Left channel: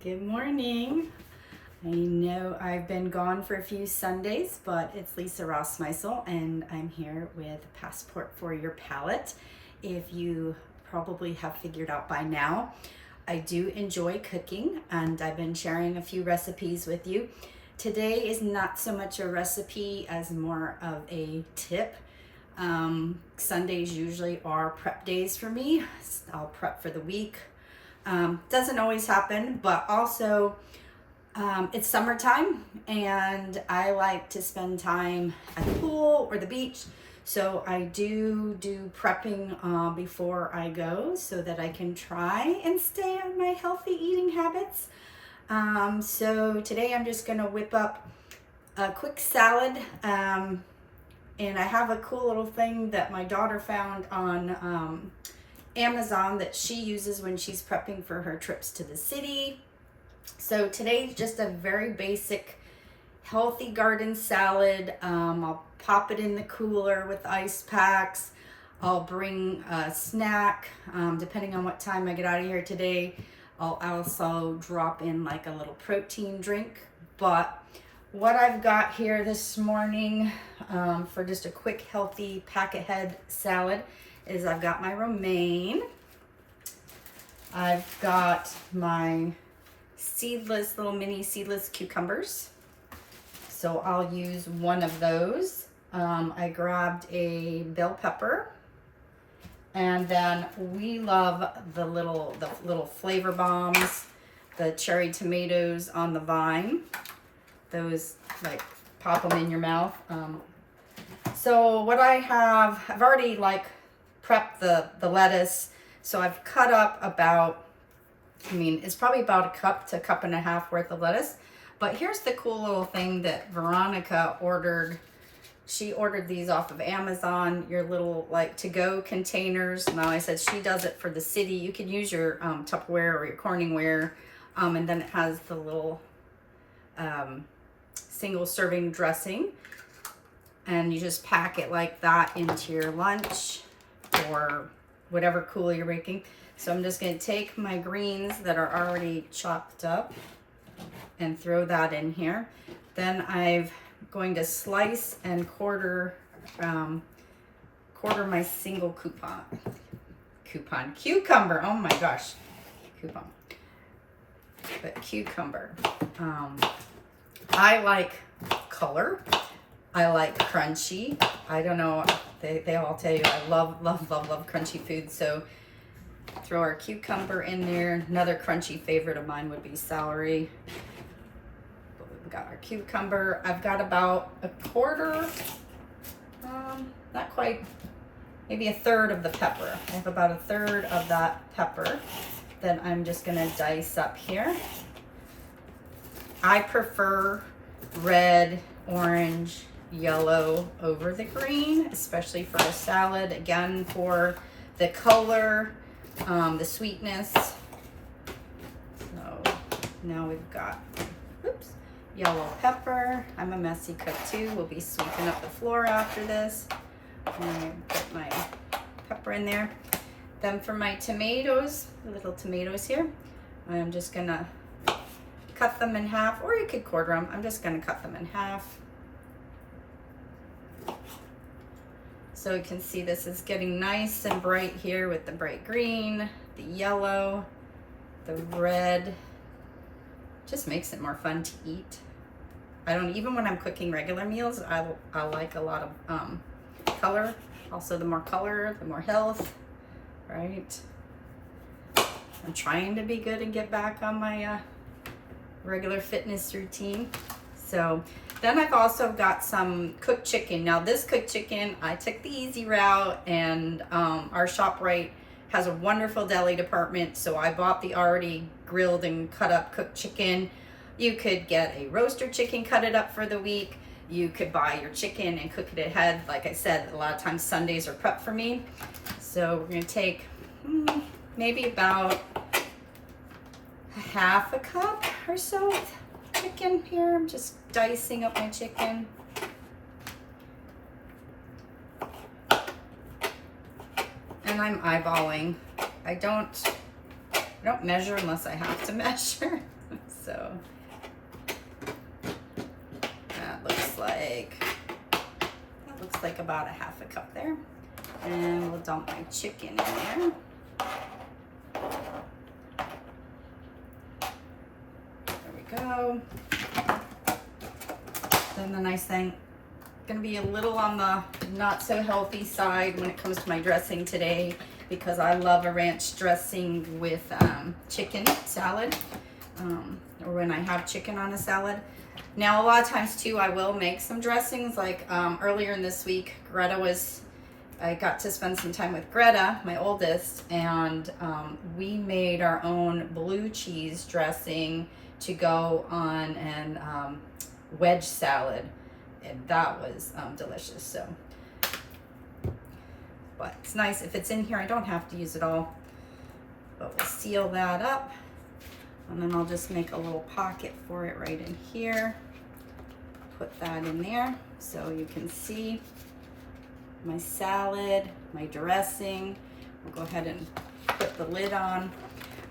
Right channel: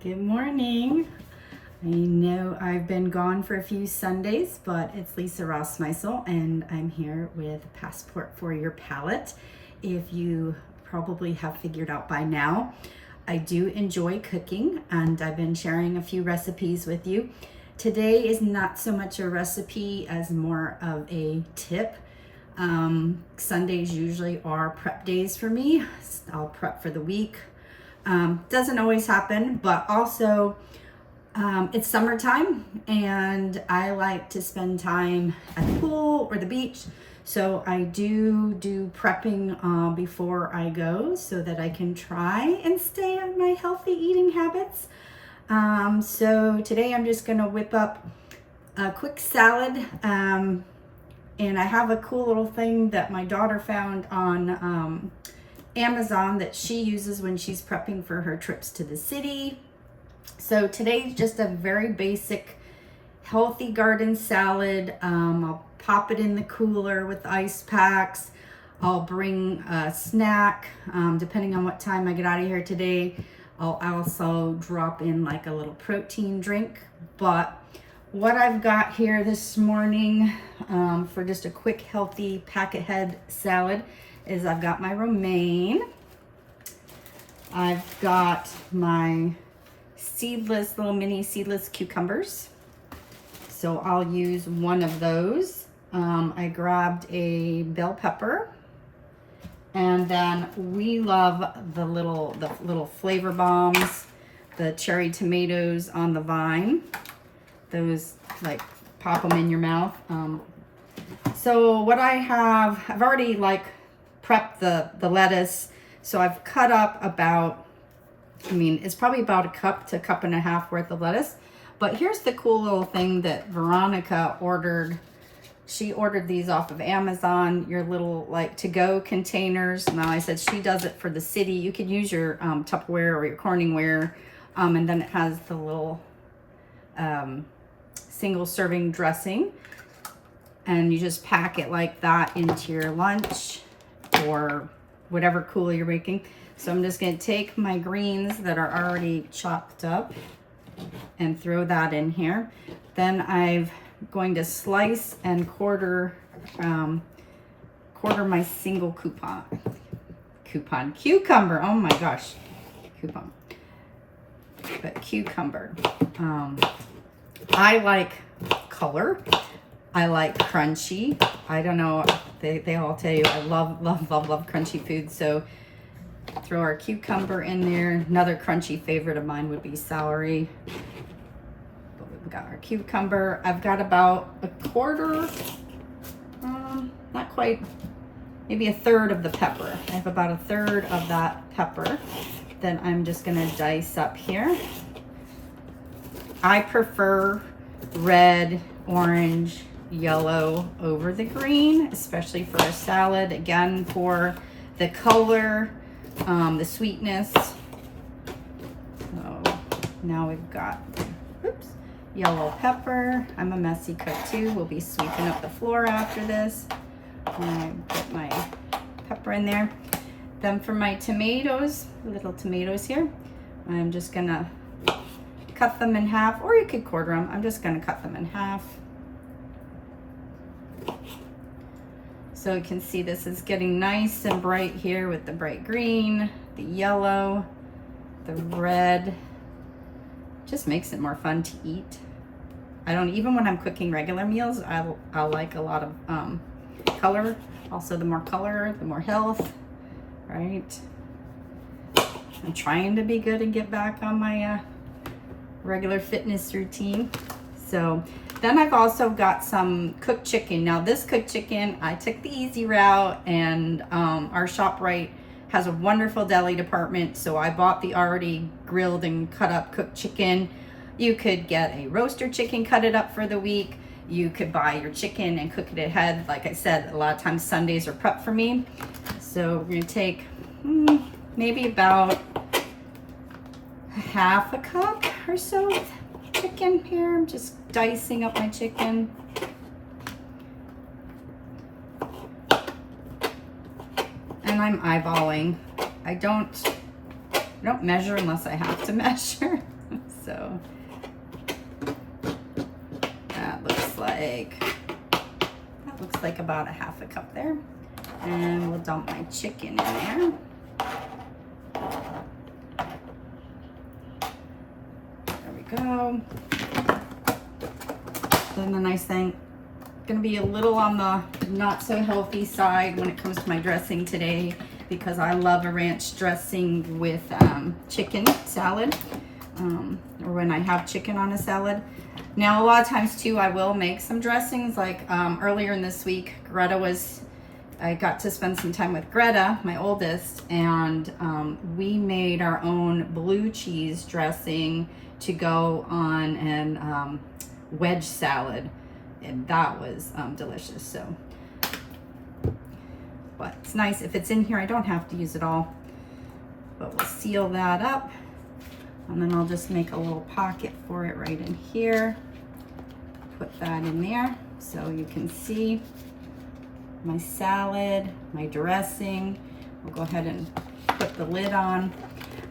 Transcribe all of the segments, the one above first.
Good morning. I know I've been gone for a few Sundays, but it's Lisa Rossmeisel and I'm here with Passport for Your Palate. If you probably have figured out by now, I do enjoy cooking and I've been sharing a few recipes with you. Today is not so much a recipe as more of a tip. Sundays usually are prep days for me. I'll prep for the week. Doesn't always happen, but also it's summertime and I like to spend time at the pool or the beach. So I do prepping before I go so that I can try and stay on my healthy eating habits. So today I'm just gonna whip up a quick salad. And I have a cool little thing that my daughter found on Amazon that she uses when she's prepping for her trips to the city. So today's just a very basic healthy garden salad. I'll pop it in the cooler with ice packs. I'll bring a snack depending on what time I get out of here today. I'll also drop in like a little protein drink. But what I've got here this morning for just a quick healthy pack ahead salad is I've got my romaine. I've got my little mini seedless cucumbers. So I'll use one of those. I grabbed a bell pepper. And then we love the little flavor bombs, the cherry tomatoes on the vine. Those like pop them in your mouth. So what I've already like prepped the lettuce. So I've cut up about, it's probably about a cup to a cup and a half worth of lettuce. But here's the cool little thing that Veronica ordered. She ordered these off of Amazon, your little like to-go containers. Now I said she does it for the city. You can use your Tupperware or your Corningware. And then it has the little single serving dressing. And you just pack it like that into your lunch or whatever cool you're making. So I'm just gonna take my greens that are already chopped up and throw that in here. Then I'm going to slice and quarter my single cucumber. Oh my gosh, cucumber. I like color. I like crunchy. I don't know, they all tell you I love crunchy food. So throw our cucumber in there. Another crunchy favorite of mine would be celery. But we've got our cucumber. I've got about a quarter, not quite, maybe a third of the pepper. I have about a third of that pepper. Then I'm just gonna dice up here. I prefer red, orange, yellow over the green, especially for a salad. Again, for the color, the sweetness. So now we've got, yellow pepper. I'm a messy cook too. We'll be sweeping up the floor after this. I put my pepper in there. Then for my tomatoes, little tomatoes here, I'm just gonna cut them in half, or you could quarter them. I'm just gonna cut them in half. So you can see this is getting nice and bright here with the bright green, the yellow, the red. Just makes it more fun to eat. Even when I'm cooking regular meals, I like a lot of color. Also, the more color, the more health, right? I'm trying to be good and get back on my regular fitness routine. So then I've also got some cooked chicken. Now this cooked chicken, I took the easy route, and our ShopRite has a wonderful deli department. So I bought the already grilled and cut up cooked chicken. You could get a roaster chicken, cut it up for the week. You could buy your chicken and cook it ahead. Like I said, a lot of times Sundays are prep for me. So we're gonna take maybe about half a cup or so of chicken here. I'm just dicing up my chicken. And I'm eyeballing. I don't measure unless I have to measure. So that looks like about a half a cup there. And we'll dump my chicken in there. There we go. Then the nice thing, gonna be a little on the not so healthy side when it comes to my dressing today, because I love a ranch dressing with chicken salad, or when I have chicken on a salad. Now, a lot of times too, I will make some dressings. Like earlier in this week, I got to spend some time with Greta, my oldest, and we made our own blue cheese dressing to go on an wedge salad, and that was delicious. So, but it's nice if it's in here. I don't have to use it all, but we'll seal that up, and then I'll just make a little pocket for it right in here. Put that in there so you can see my salad, my dressing. We'll go ahead and put the lid on,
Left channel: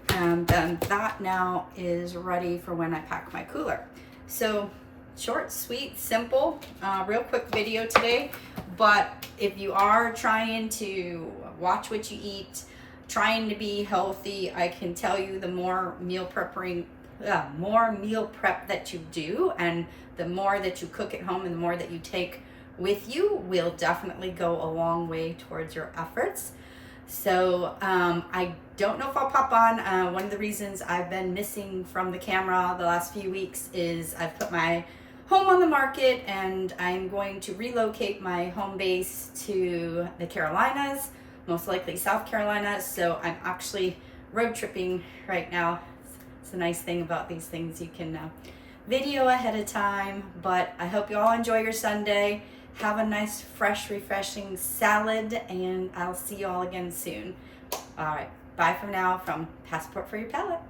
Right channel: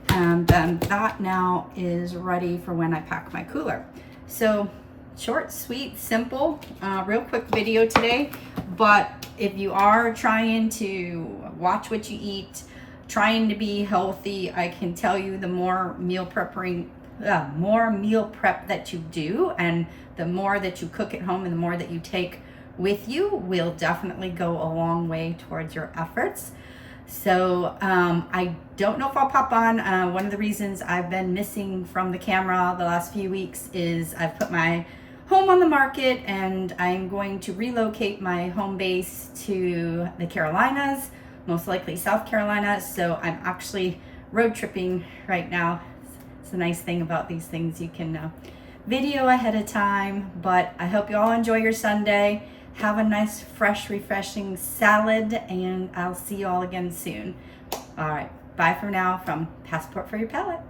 and then that now is ready for when I pack my cooler. So short, sweet, simple, real quick video today. But if you are trying to watch what you eat, trying to be healthy, I can tell you the more meal prep that you do, and the more that you cook at home and the more that you take with you, will definitely go a long way towards your efforts. So I don't know if I'll pop on. One of the reasons I've been missing from the camera the last few weeks is I've put my home on the market, and I'm going to relocate my home base to the Carolinas, most likely South Carolina. So I'm actually road tripping right now. It's a nice thing about these things, you can video ahead of time. But I hope you all enjoy your Sunday. Have a nice, fresh, refreshing salad, and I'll see you all again soon. All right, bye for now from Passport for Your Palate.